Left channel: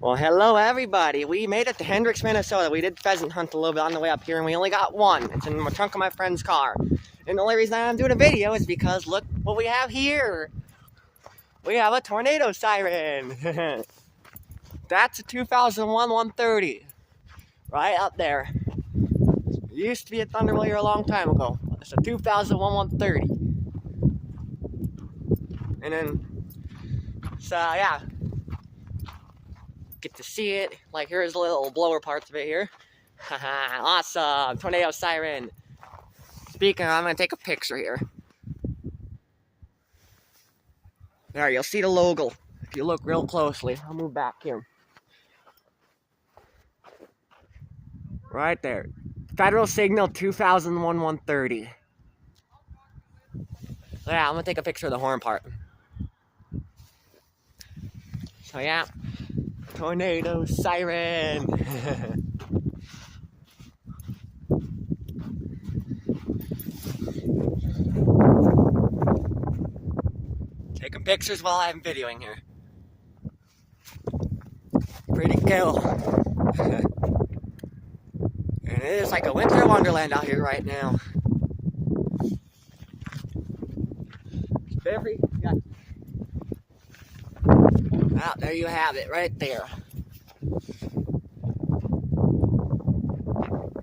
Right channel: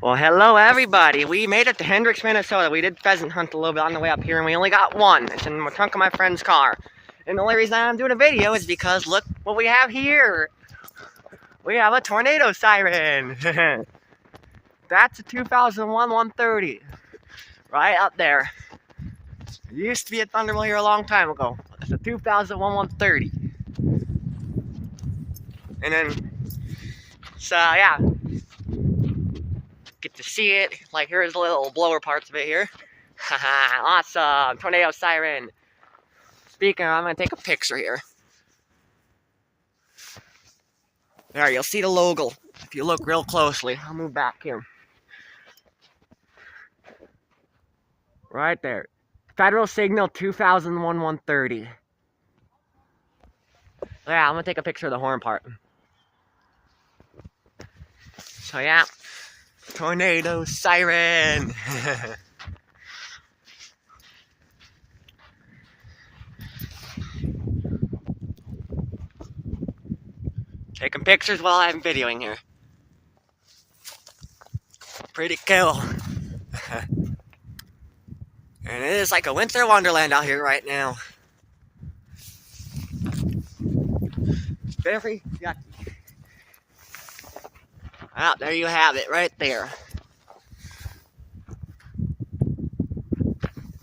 Well, hello everybody. We made it to Hendricks, Minnesota. We did pheasant hunt a little bit on the way up here, and we only got one. It's in the trunk of my friend's car. And the only reason I'm doing a video is because look what we have here. We have a tornado siren. That's a 2001 130. Right up there. It used to be a Thunderbolt here a long time ago. It's a 2001 130. And then, so yeah. Get to see it. Like, here's the little blower parts of it here. Haha, awesome. Tornado siren. Speaking of, I'm going to take a picture here. There, you'll see the logo if you look real closely. I'll move back here. Right there. Federal Signal 2001 130. Yeah, I'm going to take a picture of the horn part. So yeah. Tornado siren. Taking pictures while I'm videoing here. Pretty cool. And it is like a winter wonderland out here right now. Very yucky. Well, there you have it, right there.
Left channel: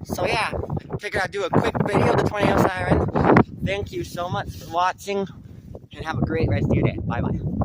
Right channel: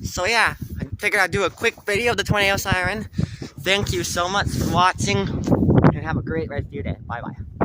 So yeah, I figured I'd do a quick video of the tornado siren. Thank you so much for watching, and have a great rest of your day. Bye-bye.